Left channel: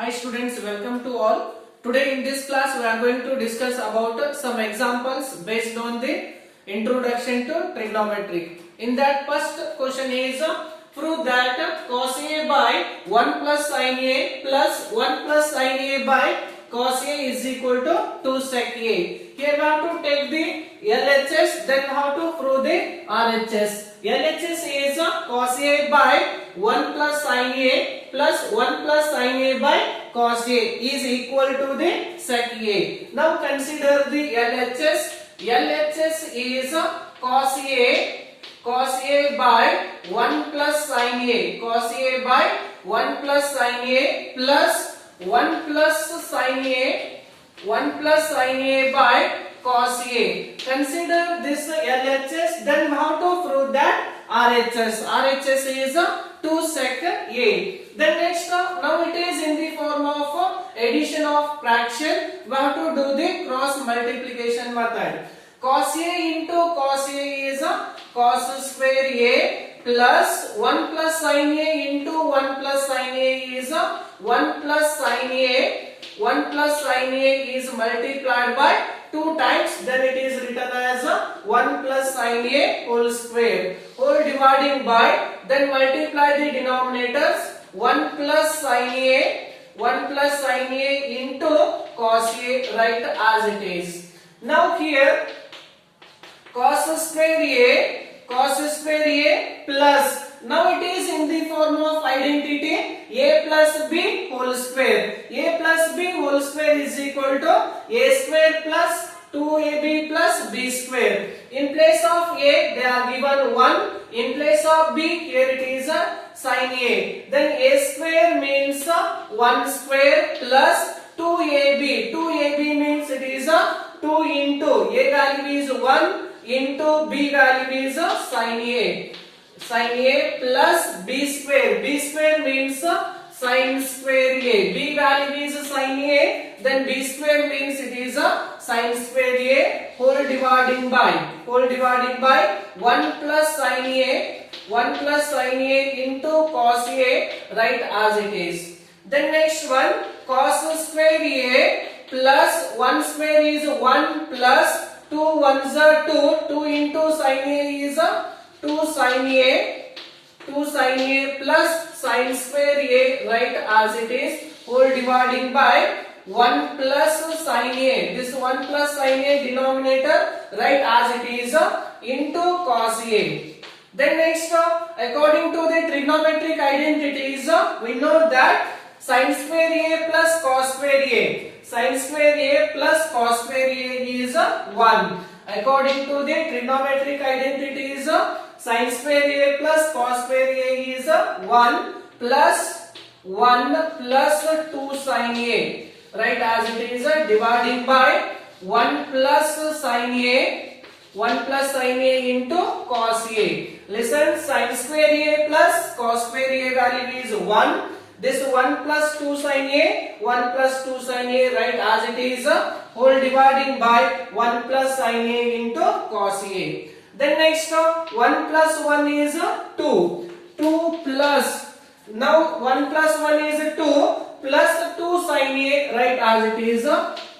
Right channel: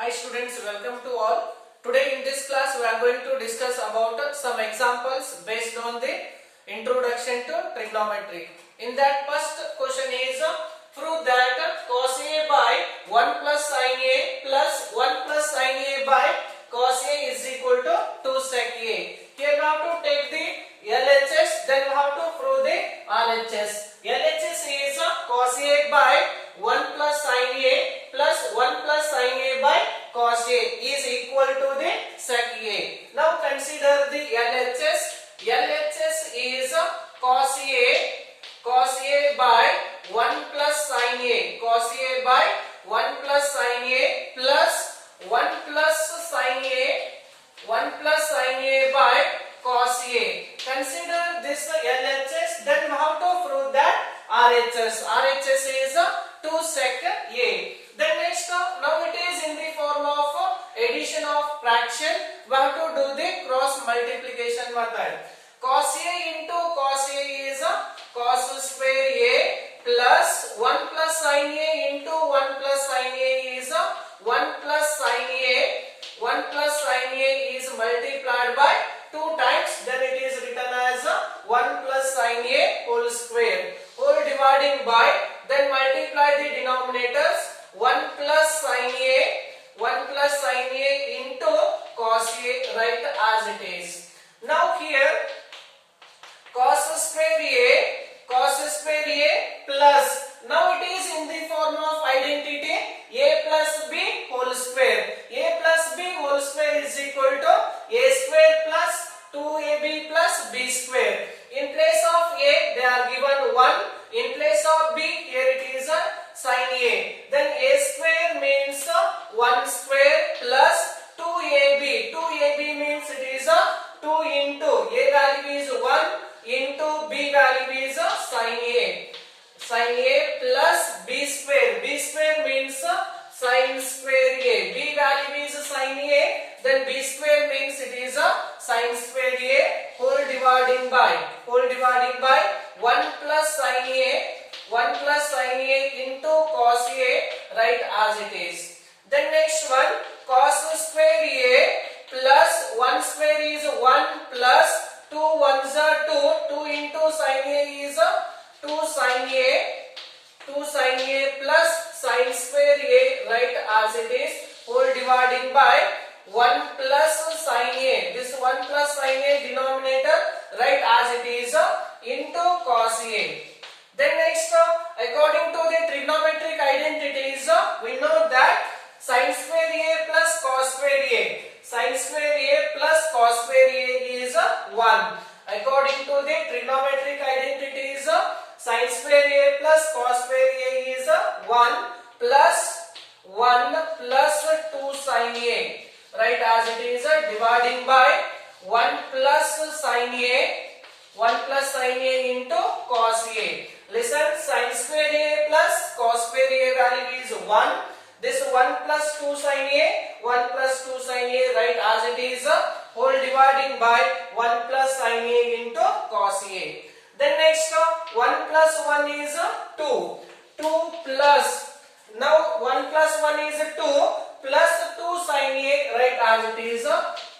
Hi students, welcome to all. Today in this class we are going to discuss about some examples based on the introduction to trigonometry. In that first question is prove that cos A by 1 plus sin A plus 1 plus sin A by cos A is equal to 2 sec A. Here we have to take the LHS, then we have to prove the RHS. LHS is cos A by 1 plus sin A plus 1 plus sin A by cos A is equal to the sec A. Now consider the LHS. LHS is cos A by 1 plus sin A. Cos A by 1 plus sin A plus 1 plus sin A. 1 plus sin A by cos A. Consider this LHS, then we have to prove that RHS. RHS is 2 sec A. Then next, now it is in the form of addition of fraction. We have to do the cross multiplication method. Cos A into cos A is cos square A plus 1 plus sin A into 1 plus sin A is 1 plus sin A. 1 plus sin A is multiplied by 2 times, then it is written as 1 plus sin A whole square. Whole dividing by, then multiply the denominators. 1 plus sin A, 1 plus sin A into cos A, write as it is. Now here cos square A plus, now it is in the form of identity A plus B whole square. A plus B whole square is equal to A square plus 2AB plus B square. In place of A they are given 1. In place of B here it is sin A. Then A square means 1 square plus 2AB. 2AB means it is 2 into A value is 1 into B value is sin A. Sin A plus B square. B square means sin square A. B value is sin A. Then B square means it is sin square A whole dividing by 1 plus sin A. 1 plus sin A into cos A, write as it is. Then next one, cos square A plus 1 square is 1 plus 2 ones are 2. 2 into sin A is 2 sin A. 2 sin A plus sin square A, write as it is. Whole dividing by 1 plus sin A. This 1 plus sin A denominator, write as it is into cos A. Then next, according to the trigonometric identities, we know that sin square A plus cos square A. Sin square A plus cos square A is 1. According to the trigonometric identities, sin square A plus cos square A is 1 plus 1 plus 2 sin A. Right, as it is dividing by 1 plus sin A. 1 plus sin A into cos A. Listen, sin square A plus cos square A value is 1. This 1 plus 2 sin A, 1 plus 2 sin A, right, as it is whole dividing by 1 plus sin A into cos A. Then next, 1 plus 1 is 2. 2 plus, now 1 plus 1 is 2 plus 2 sin A, right, as it is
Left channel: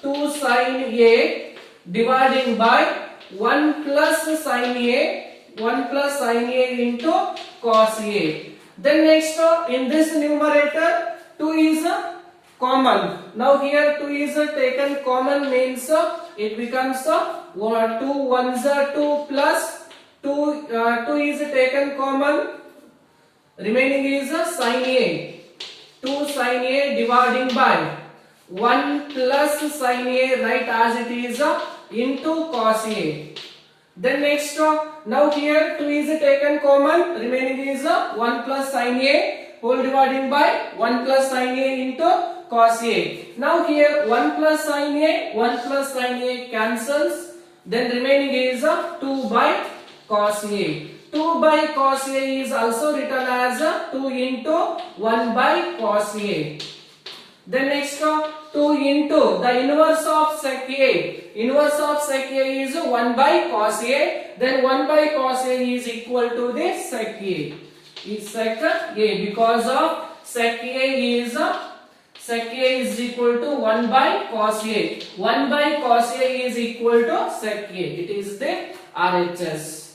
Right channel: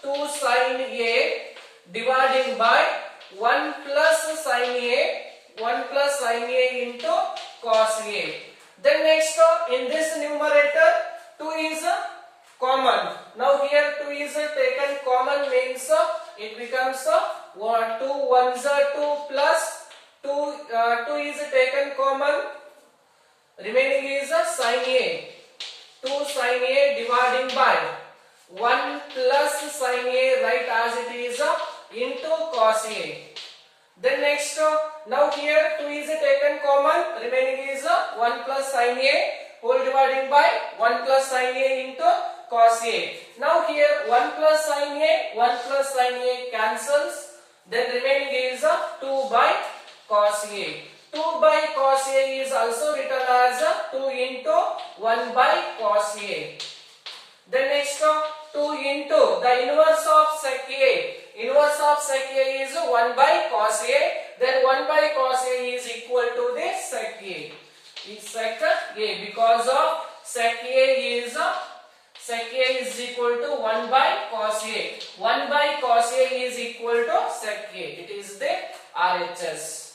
2 sin A dividing by 1 plus sin A, 1 plus sin A into cos A. Then next, in this numerator 2 is common. Now here 2 is taken common means it becomes 2 ones are 2 plus 2 is taken common, remaining is sin A. 2 sin A dividing by 1 plus sin A, right, as it is into cos A. Then next, now here 2 is taken common, remaining is 1 plus sin A whole dividing by 1 plus sin A into cos A. Now here 1 plus sin A, 1 plus sin A cancels, then remaining is 2 by cos A. 2 by cos A is also written as 2 into 1 by cos A. Then next, 2 into the inverse of sec A. Inverse of sec A is 1 by cos A. Then 1 by cos A is equal to the sec A. Is sec A, because of sec A is sec A is equal to 1 by cos A. 1 by cos A is equal to sec A. It is the RHS.